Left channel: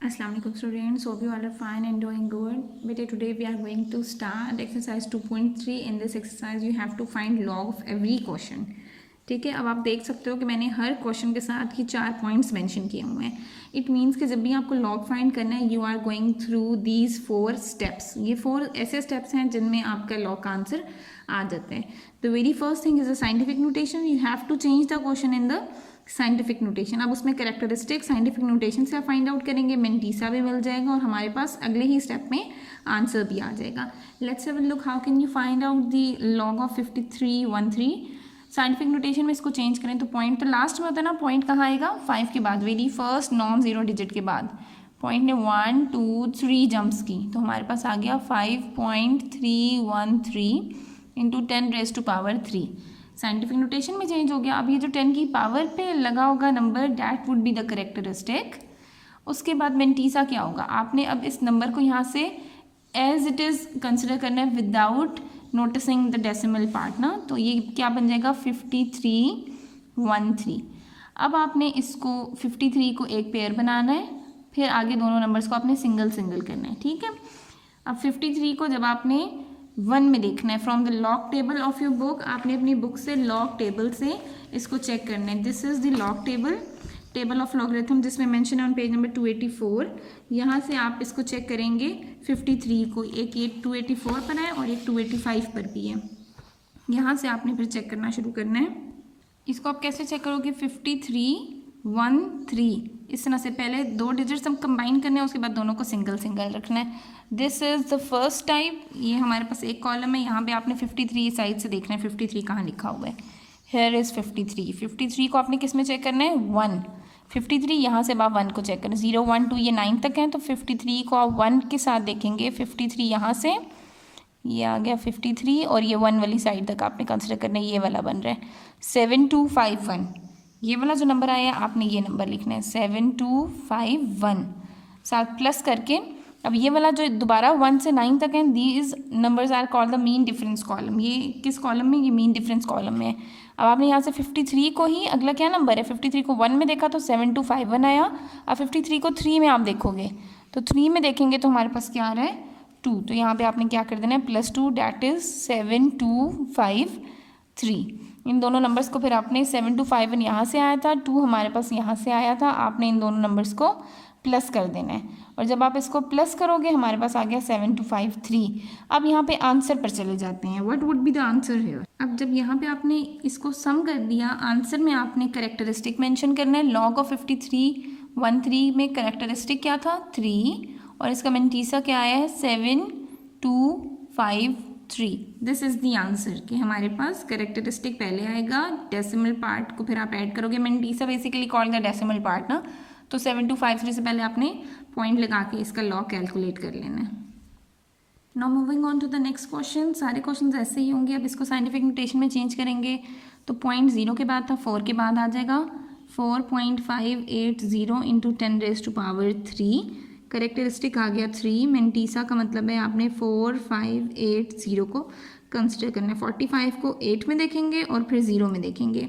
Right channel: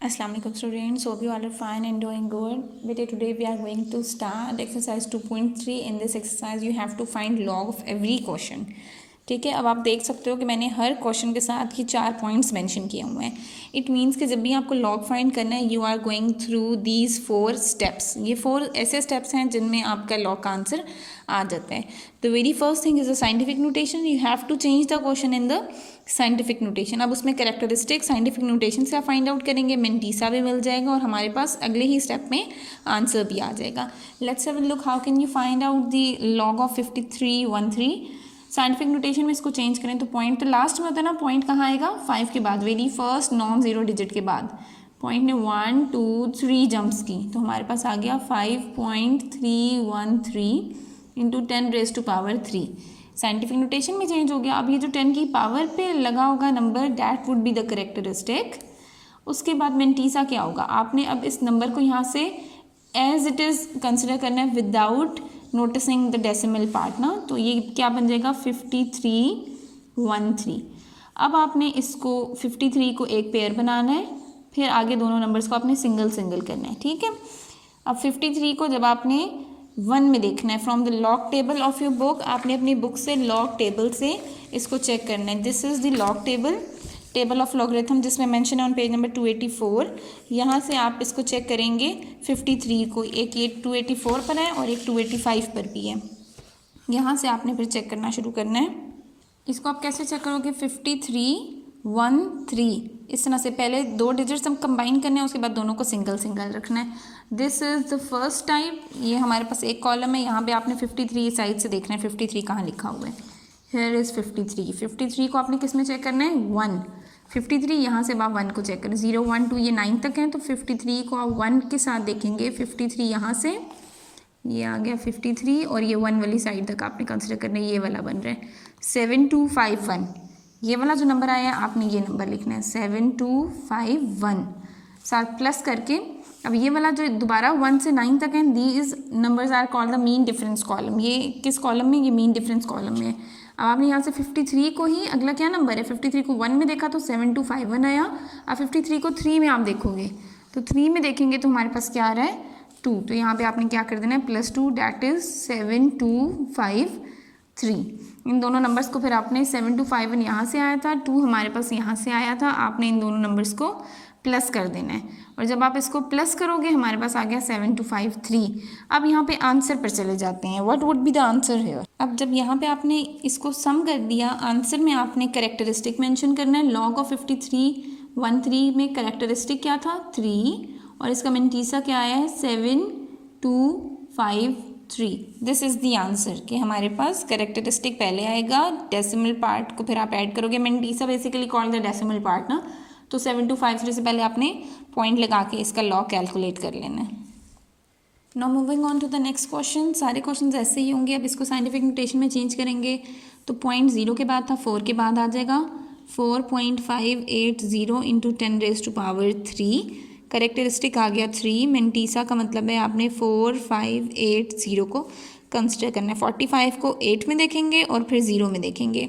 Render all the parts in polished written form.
Assalamu alaikum students, hope you all are fine and doing good. But today we are going to start exercise 2.3. In this exercise you have to find log of every question. ठीक है, अब आप देख सकते हो कि मैंने हर question के साथ ही 4 पॉइंट्स मेंशन किए हुए हैं. इट मीन्स कि जब भी आपको लॉग फाइंड करना है you are going through these 4 steps. ये 4 ऐसे स्टेप्स हैं जिनमें आपका लॉग का आंसर आ जाता है. The very first thing is a scientific notation. You have to change the question in the scientific notation. अब उसमें कैरेक्टरिस्टिक साइंटिफिक नोटेशन से आप फाइंड आउट करेंगे, मेंटीसा भी मिल जाएगा और हमारे पास अगले ही स्टेप में आंसर भी आ जाएगा. Let's have a look how can you find out the log of 5313. Scientific notation में इसको चेंज करें तो पॉइंट तो लास्ट में होता है ना, पॉइंट कहाँ आएगा 5 के बाद, very first non zero digit के बाद. पॉइंट ने 1 2 3 जंप्स की तो हमारे पास आ गया 5.313 इंटू 10⁻³ साइंटिफिक नोटेशन में चेंज हो गया. अब ये जो 10 की पावर पे लगा होगा number, that would be the characteristic. उसके बाद मेंटीसा क्या होगा, आपने अब इस नंबर को यहाँ से एज इट इज़ कंसिडर करना है without noticing the decimal part ना. तो ये क्या बन जाएगा 5313. अब आपने इसको 53 को एक पेयर बनाना है, फिर आगे दोनों नंबर्स को आपने सिंगल सिंगल करना है. ठीक है, अब 53 को जब आपने 1 में देखना है from the log table of your book, आपने अपनी बुक से लॉग टेबल से इसको चेक करना है. This is the log table of logarithm जिसमें मेंशन है ऑन पेज नंबर 284. यहाँ से आप इसको चेक करेंगे 53 को, एक ये 284 पर है और एक 285 पर भी है. यहाँ से आपने फिर चेक करना शुरू करना है. इसको आप कैसे चेक करोगे 5313 इस तरह से पहले 2 डिजिट्स हम कंबाइन करने हैं, उसके बाद दोनों को सिंगल सिंगल रखना है. This is the first type. ये हमारे पास एक कॉलम है, यहाँ पे आपने 53 साइड से देखना है 53 कहाँ लिखा हुआ है. हेयर इज़ 53 को आपने किस में चेक करना है 1. 53 यहाँ से अब आप 1 को चेक करें, 0 1 2 ये 9 तक हैं तो 53 को आप 1 के साथ देखेंगे. 53 यहाँ से ये आ गया 53 और ये 1 वाली साइड तक आपने कंसिडर करना है, ये वाला बन रहा है 7251. ये वाला जो नंबर आया है आपने ये नंबर लिखना है 7251 साथ प्लस करके. अब ये वाला जो दोबारा 1 से 9 तक है, these numbers are called the mean difference column. ये किस कॉलम में, ये मीन डिफरेंस कॉलम में है. अब आपने यहाँ से 53 को ही, अगला क्या नंबर है 53 को 1 में देखा तो 7251 आया. अब 53 को 3 में आप देखोगे तो 3 में देखेंगे तो हमारे पास क्या आ रहा है 2. तो यहाँ पे आपने क्या कर देना है +2, डैट इज़ 7253. इन दोनों नंबर्स को फिर आपने 7251 यहाँ से आया था, 2 हमारे पास यहाँ से आया था, आपने इन दोनों नंबर्स को प्लस कर देना है. और जब आप इसको प्लस करोगे हमारे पास आ गया 7253. अब यहाँ पे आंसर पर चले जाते हैं. What would be the answer here. अब जब यहाँ पे आपने इसको सम कर दिया, आंसर में आपने करेक्टरिस्टिक मेंशन करना है. लॉग ऑफ 5313 में करेक्टरिस्टिक क्या था 3 और इसका मेंटीसा क्या आया है 7253. दिस इज़ द आंसर कि हमारे पास करेक्टरिस्टिक पहले आएगा, डेसिमल पार्ट को फिर आप ऐड करोगे. Mantissa basically called the decimal part ना, तो 7253 से पहले आपने पॉइंट लगा के इसका लॉग कैलकुलेट कर लेना है. Now moving on to the next question. सारे क्वेश्चंस ऐसे ही होंगे. अब इसको साइंटिफिक नोटेशन में चेंज करेंगे तो पॉइंट 0 के बाद था 4 के बाद आ जाएगा 4.580 इंटू 10⁻³ करेक्टरिस्टिक आ गया 3. मेंटीसा का मतलब है आपने 4580 को कंसिडर करना है. 45 को 8 में देखेंगे और फिर 0 में देखेंगे.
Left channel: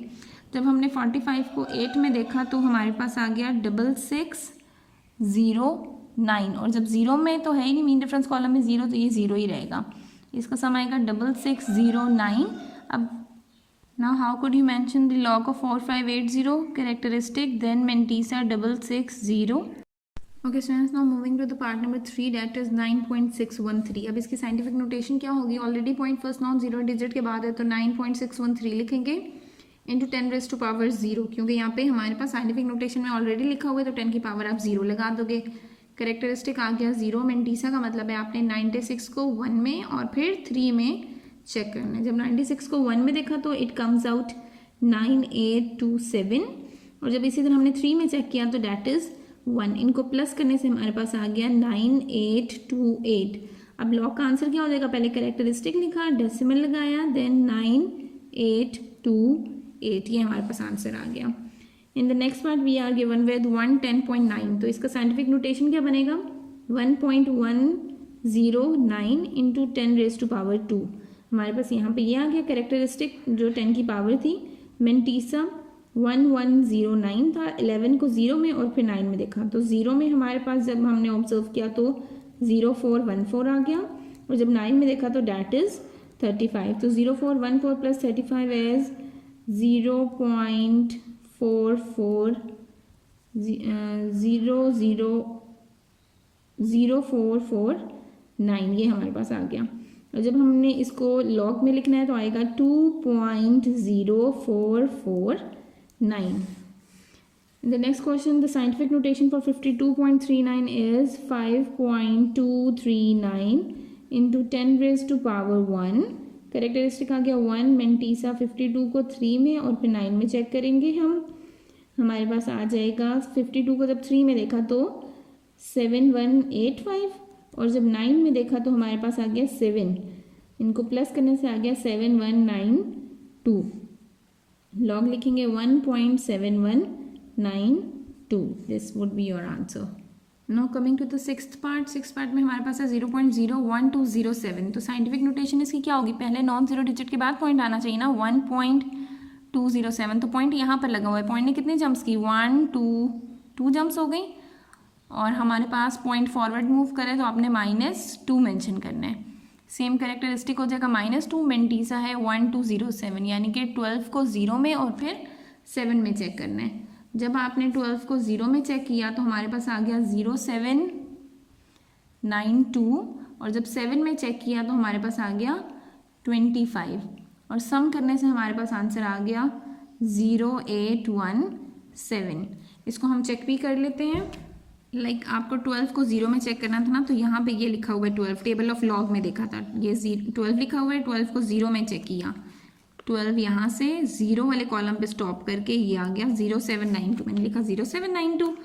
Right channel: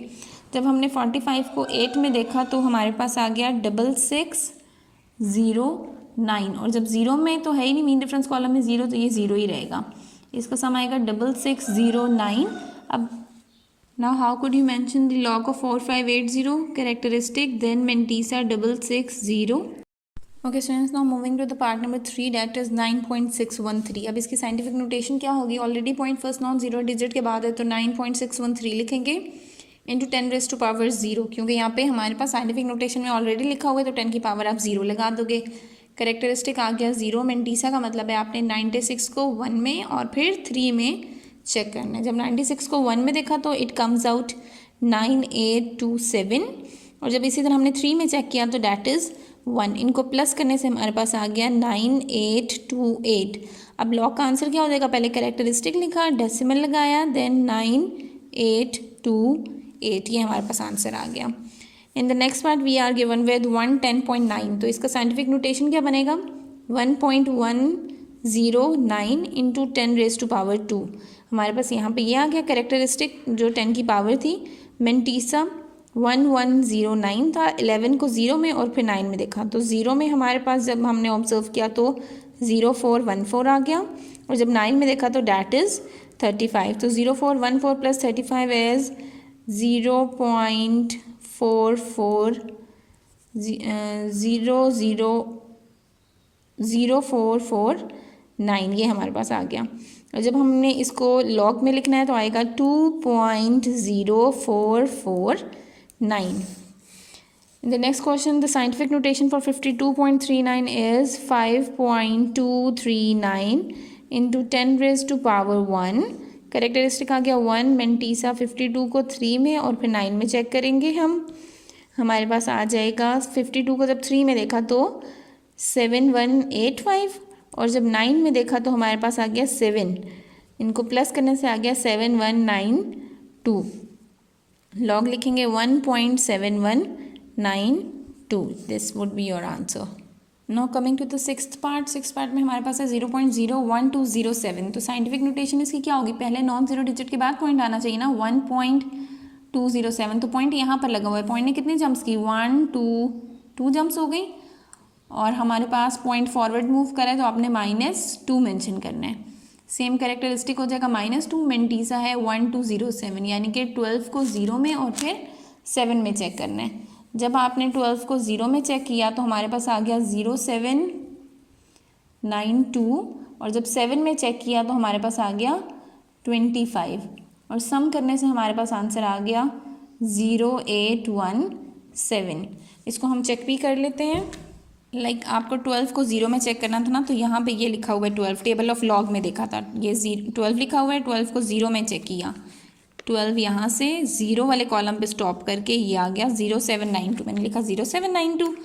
जब हमने 45 को 8 में देखा तो हमारे पास आ गया 6609 और जब 0 में तो है ही नहीं, मीन डिफरेंस कॉलम में 0 तो ये 0 ही रहेगा. इसका सम आएगा 6609. अब now how could you mention the log of 4580 characteristic then mantissa 660. Okay students, now moving to the part number 3 that is 9.613. अब इसकी साइंटिफिक नोटेशन क्या होगी, already point first non zero digit के बाद है तो 9.613 लिखेंगे इंटू 10⁻⁴, क्योंकि यहाँ पे हमारे पास साइंटिफिक नोटेशन में ऑलरेडी लिखा हुआ है तो 10 की पावर आप 0 लगा दोगे. करेक्टरिस्टिक आ गया 0. मेंटीसा का मतलब है आपने 96 को 1 में और फिर 3 में चेक करना है. जब 96 को 1 में देखा तो इट कम्स आउट 9827 और जब इसी तरह हमने 3 में चेक किया तो डैट इज़ 1. इनको प्लस करने से हमारे पास आ गया 9828. अब लॉग का आंसर क्या हो जाएगा, पहले करेक्टरिस्टिक लिखा, डेसिमल लगाया, देन 9828. ये हमारे पास आंसर आ गया. In the next part we are given with 110.9. तो इसका साइंटिफिक नोटेशन क्या बनेगा 1.109 इंटू 10⁻². हमारे पास यहाँ पे ये आ गया करेक्टरिस्टिक जो 10 की पावर थी. मेंटीसा 1109 था, 11 को 0 में और फिर 9 में देखा तो 0 में हमारे पास जब हमने ऑब्जर्व किया तो 0414 आ गया, और जब 9 में देखा तो डैट इज़ 35। तो 0414 प्लस 35 इज़ 0.0449, ये हमारे पास आ गया। और जब हमने इसको लॉग में लिखना है तो आएगा 2.0449। The next question, the scientific notation for 52.39 is 5.239 into 10 raised to power 1। Characteristic आ गया 1, मेंटीसा 52 को 3 में और फिर 9 में चेक करेंगे हम, हमारे पास आ जाएगा 52 को जब 3 में देखा तो 7185, और जब 9 में देखा तो हमारे पास आ गया 7, इनको प्लस करने से आ गया 7192। लॉग लिखेंगे 1.7192, this would be your answer. Now coming to the sixth part में हमारे पास है 0.01207। तो साइंटिफिक नोटेशन इसकी क्या होगी, पहले नॉन जीरो डिजिट के बाद पॉइंट आना चाहिए ना, 1.207। तो पॉइंट यहाँ पर लगा हुआ है, पॉइंट ने कितने जंप्स की, 1 2 जंप्स हो गई, और हमारे पास पॉइंट फॉरवर्ड मूव करा है तो आपने -2 मेंशन करना है। सेम कैरेक्टरिस्टिक हो जाएगा -2, मेंटीसा है 1207, यानी कि 12 को 0 में और फिर 7 में चेक करना है। जब आपने 12 को 0 में चेक किया तो हमारे पास आ गया 0792, और जब 7 में चेक किया तो हमारे पास आ गया 25, और सम करने से हमारे पास आंसर आ गया 0817। इसको हम चेक भी कर लेते हैं। आपको 12 को 0 में चेक करना था ना, तो यहाँ पे ये लिखा हुआ है 12, टेबल ऑफ लॉग में देखा था ये 12 लिखा हुआ है, 12 को 0 में चेक किया, 12 यहाँ से 0 वाले कॉलम पे स्टॉप करके ये आ गया 0792, मैंने लिखा 0792,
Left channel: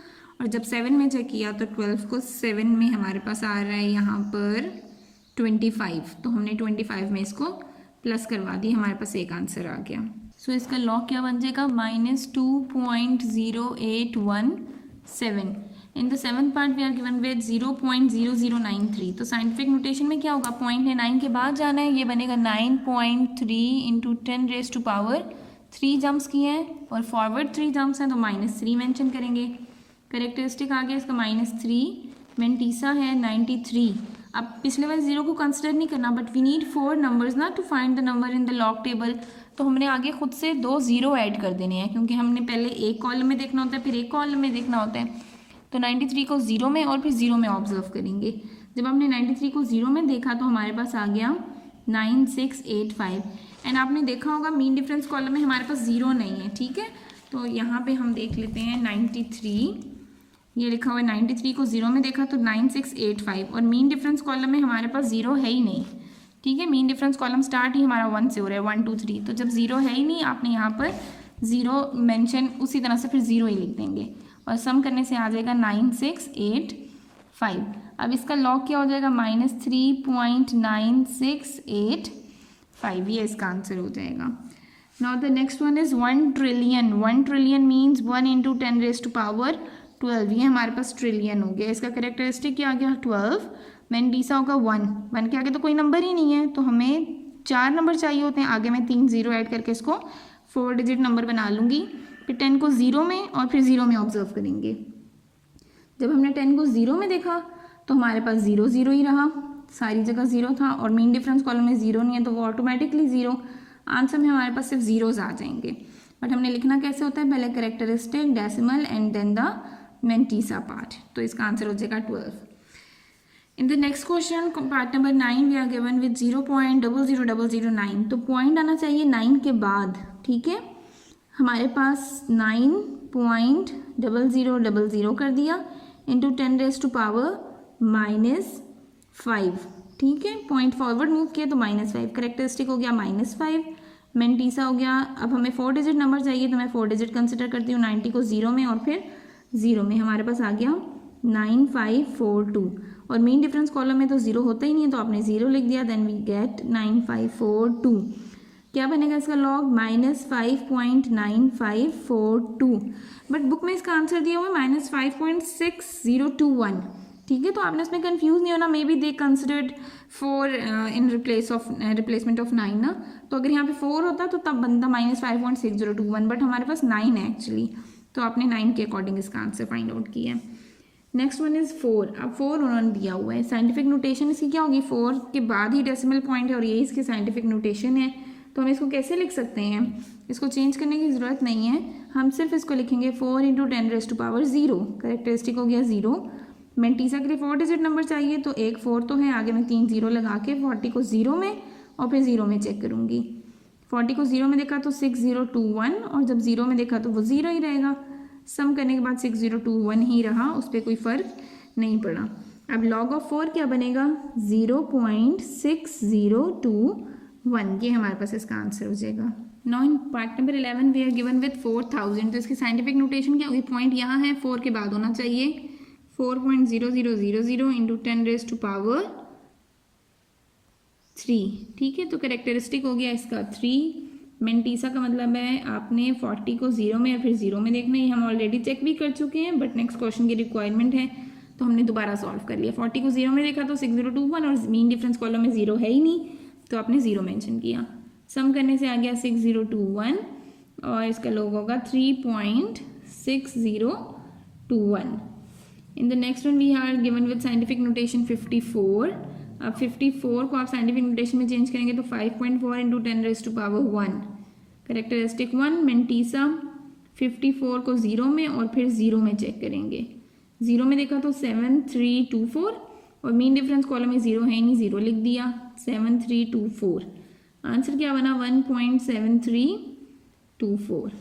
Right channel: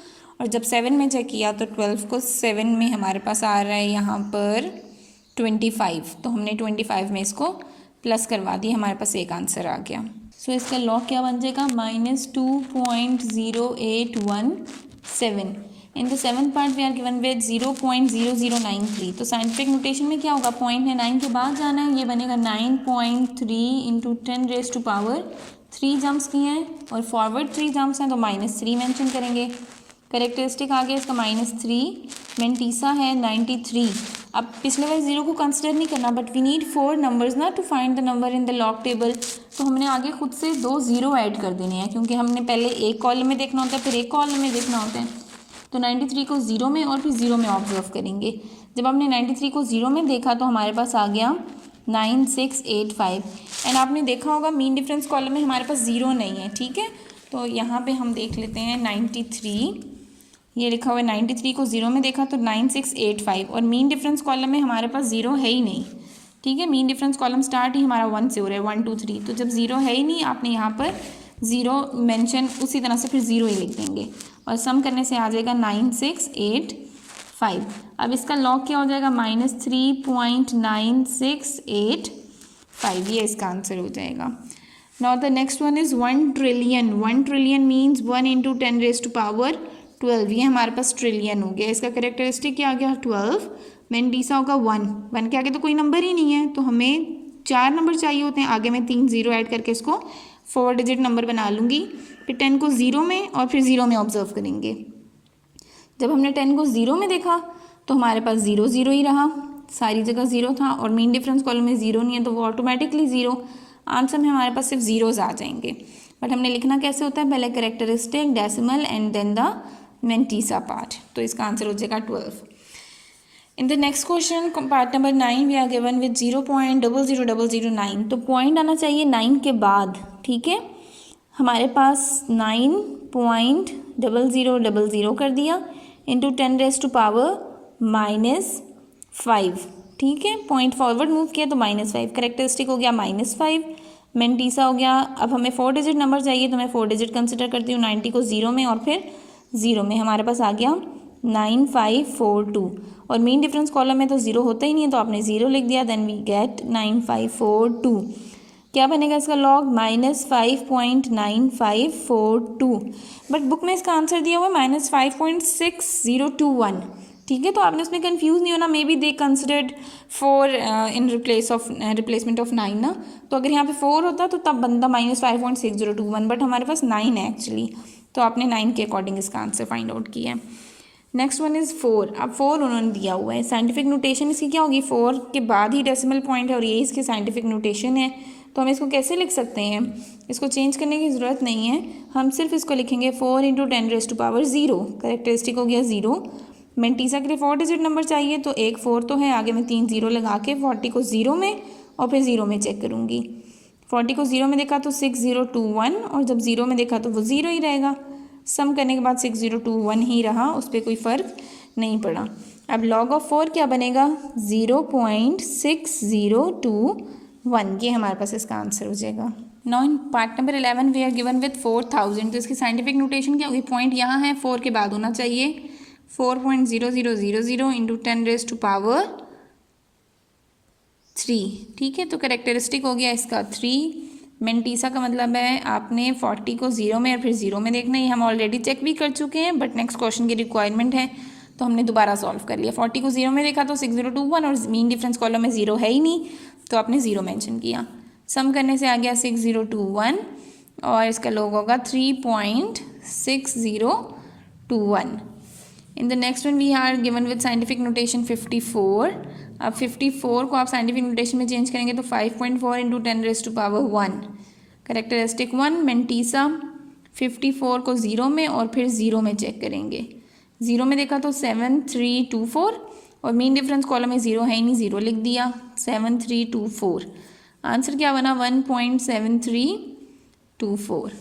और जब 7 में चेक किया तो 12 को 7 में हमारे पास आ रहा है यहाँ पर 25, तो हमने 25 में इसको प्लस करवा दिया, हमारे पास एक आंसर आ गया। सो इसका लॉग क्या बन जाएगा, -2.0817। In the seventh part we are given with 0.0093। तो साइंटिफिक नोटेशन में क्या होगा, पॉइंट है 9 के बाद जाना है, ये बनेगा 9.3 into 10 raise to power 3 jumps किए हैं और फॉरवर्ड 3 जम्प्स हैं तो -3 मेंशन करेंगे। करेक्टरिस्टिक आ गया इसका -3, मेंटीसा है 93। अब पिछले वाले 0 को कंसिडर नहीं करना, बट वी नीड 4 नंबर्स ना to find the number in the log table. तो हमने आगे खुद से 2 0 ऐड कर देने हैं, क्योंकि हमने पहले एक कॉलम में देखना होता है फिर एक कॉलम में देखना होता है। तो 93 को 0 में और फिर 0 में ऑब्जर्व करेंगे। जब हमने 93 को 0 में देखा तो हमारे पास आ गया 9685, एंड आपने देखा होगा मीन डिफरेंस कॉलम में हमारे पास 0 नहीं है, ठीक है। तो यहाँ पे हम देख लेते हैं 93, ये लिखा हुआ है 93 को 0 में देखा तो 9685, और मीन डिफरेंस कॉलम में हमारे पास 0 है ही नहीं, ठीक है। मीन डिफरेंस कॉलम स्टार्ट ही हमारा 1 से हो रहा है, 1 2 3, तो जब 0 है ही नहीं आपने यहाँ पर 0 मेंशन उसी तरह से फिर 0 ही लिख देंगे, और सम करने से आ जाएगा 9685। अब इसका लॉग क्या हो जाएगा, -3.9685, ये इसका आंसर हो जाएगा। Now the next one is 1 trillion. 1 trillion means 1 into 10 raise to power 12, ये हमारे पास ट्रिलियन हो गया। इसका करेक्टरिस्टिक क्या आ गया 12, मेंटीसा होगा 1 के आगे तो कोई नंबर ही नहीं है, तो हमें 4 नंबर चाहिए होते हैं, आगे मैं 3 0 ऐड करके इसको 4 डिजिट नंबर बना लूँगी। फिर 10 को 0 में और फिर 0 में ऑब्जर्व करेंगे। जब हमने 10 को 0 में देखा तो हमारे पास 0 0 ही रहा, सारी जगह 0 था, और मीन डिफरेंस कॉलम में 0 नहीं है तो वो ऑटोमेटिकली 0, आंसर में हमारे पास सिर्फ जीरोज आ जाएंगे। बट हमने लिखना कैसे होता है, पहले characteristic, decimal and then the mantissa part, तो इसका आंसर हो जाएगा 12। In the next question part number 9 we are given with 0.00009। तो पॉइंट आना चाहिए 9 के बाद, ठीक है। हमारे पास 9.0000 कर दिया इंटू 10 रेज टू पावर -5, ठीक है। पॉइंट फॉरवर्ड मूव किया तो -5, करेक्टरिस्टिक हो गया -5, मेंटीसा हो गया। अब हमें 4 डिजिट नंबर चाहिए तो मैं 4 डिजिट कंसिडर करती हूँ। 90 को 0 में और फिर 0 में हमारे पास आ गया 9542, और मीन डिफरेंस कॉलम में तो 0 होता ही नहीं है तो आपने 0 लिख दिया, देन वी गेट 9542। क्या बनेगा इसका लॉग, -5.9542, बट बुक में इसका आंसर दिया हुआ है -5.6021, ठीक है। तो आपने उसमें कंफ्यूज नहीं होना, may be they considered 4 in replacement of 9 ना, तो अगर यहाँ पे 4 होता तो तब बनता -5.6021, बट हमारे पास 9 है एक्चुअली, तो आपने 9 के अकॉर्डिंग इसका आंसर फाइंड आउट किया है। Next one is 4। अब 4 उन्होंने दिया हुआ है, साइंटिफिक नोटेशन इसकी क्या होगी, 4 के बाद ही डेसिमल पॉइंट है और यही इसकी साइंटिफिक नोटेशन है। तो हम इसको कैसे लिख सकते हैं, इसको चेंज करने की ज़रूरत नहीं है, हम सिर्फ इसको लिखेंगे 4 × 10⁻0। करेक्टरिस्टिक हो गया 0। मेंटीसा के लिए 4 डिजिट नंबर चाहिए, तो एक 4 तो है, आगे मैं 3 0 लगा के 40 को 0 में और फिर 0 में चेक करूँगी। 40 को 0 में देखा तो 6021, और जब 0 में देखा तो वो 0 ही रहेगा। सम करने के बाद 6021 ही रहा, उस पर कोई फ़र्क नहीं पड़ा। अब log ऑफ 4 क्या बनेगा, 0.6021, ये हमारे पास इसका आंसर हो जाएगा। Now in part number 11 we are given with 4000, तो इसकी साइंटिफिक नोटेशन क्या होगी, पॉइंट यहाँ है, 4 के बाद होना चाहिए, 4.0000 इंटू 10⁻3, ठीक है। तो करेक्टरिस्टिक हो गया इसका 3। मेंटीसा का मतलब है आपने 40 को 0 में और फिर 0 में देखना है, हम ऑलरेडी चेक भी कर चुके हैं, बट नेक्स्ट क्वेश्चन की रिक्वायरमेंट है तो हमने दोबारा सॉल्व कर लिया। 40 को 0 में देखा तो 6021, और मीन डिफरेंस कॉलम में 0 है ही नहीं, तो आपने 0 मेंशन किया। सम करने से आ गया 6021, और इसका लोग होगा 3.6021। In the next one we are given with scientific notation 54। अब 54 को आप साइंटिफिक नोटेशन में चेंज करेंगे तो 5.4 × 10⁻1। करेक्टरिस्टिक 1 मेंटीसा, 54 को 0 में और फिर 0 में चेक करेंगे। 0 में देखा तो 7324, और मीन डिफरेंस कॉलम में 0 है ही नहीं, 0 लिख दिया, 7324। आंसर क्या बना, 1.7324।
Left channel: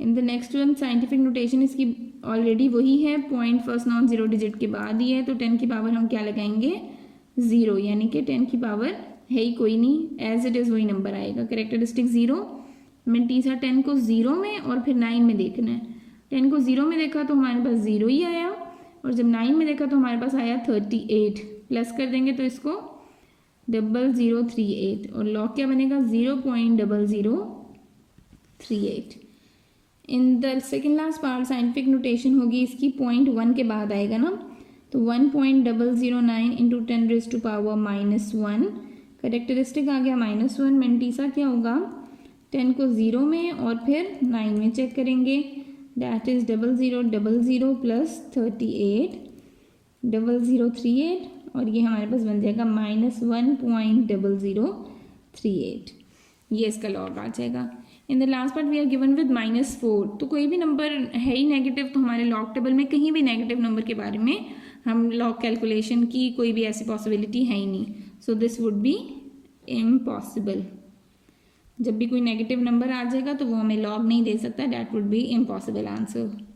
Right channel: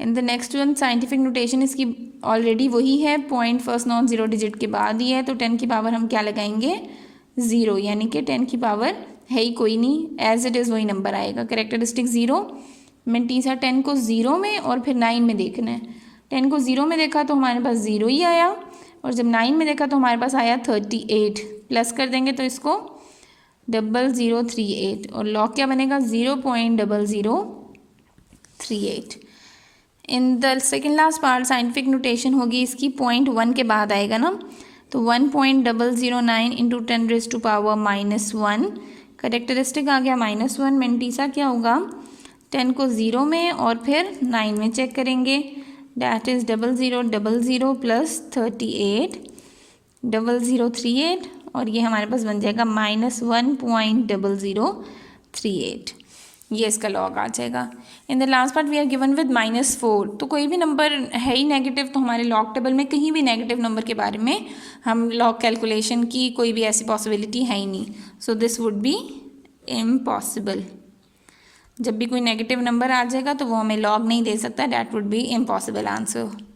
इन the next one scientific notation इसकी ऑलरेडी वही है, point first non zero digit के बाद ही है, तो 10 की पावर हम क्या लगाएंगे, 0, यानी कि 10 की पावर है ही कोई नहीं, एज इट इज़ वही नंबर आएगा। करेक्टरिस्टिक 0। मेंटीसा 10 को 0 में और फिर 9 में देखना है। 10 को 0 में देखा तो हमारे पास 0 ही आया, और जब 9 में देखा तो हमारे पास आया 38। प्लस कर देंगे तो इसको 0038, और लॉग क्या बनेगा, 0.0038। In the second last part scientific notation होगी इसकी, 0.1 के बाद आएगा ना, तो 1.009 इंटू 10⁻⁻1। करेक्टरिस्टिक आ गया -1। मेंटीसा क्या होगा, 10 को 0 में और फिर 9 में चेक करेंगे, डैट इज़ 0000 प्लस 38 0038, और ये हमारे पास बन जाएगा -1.0038, ये इसका लॉग आ जाएगा। In the last part we are given with -4, तो कोई भी नंबर है ही नेगेटिव, तो हमारे लॉग टेबल में कहीं भी नेगेटिव नंबर के बारे में हम लॉग कैलकुलेशन की कोई भी ऐसी पॉसिबिलिटी है ही नहीं, so this would B impossible. जब भी कोई नेगेटिव नंबर आ जाएगा तो वो हमें लॉग नहीं दे सकता, that would be impossible answer.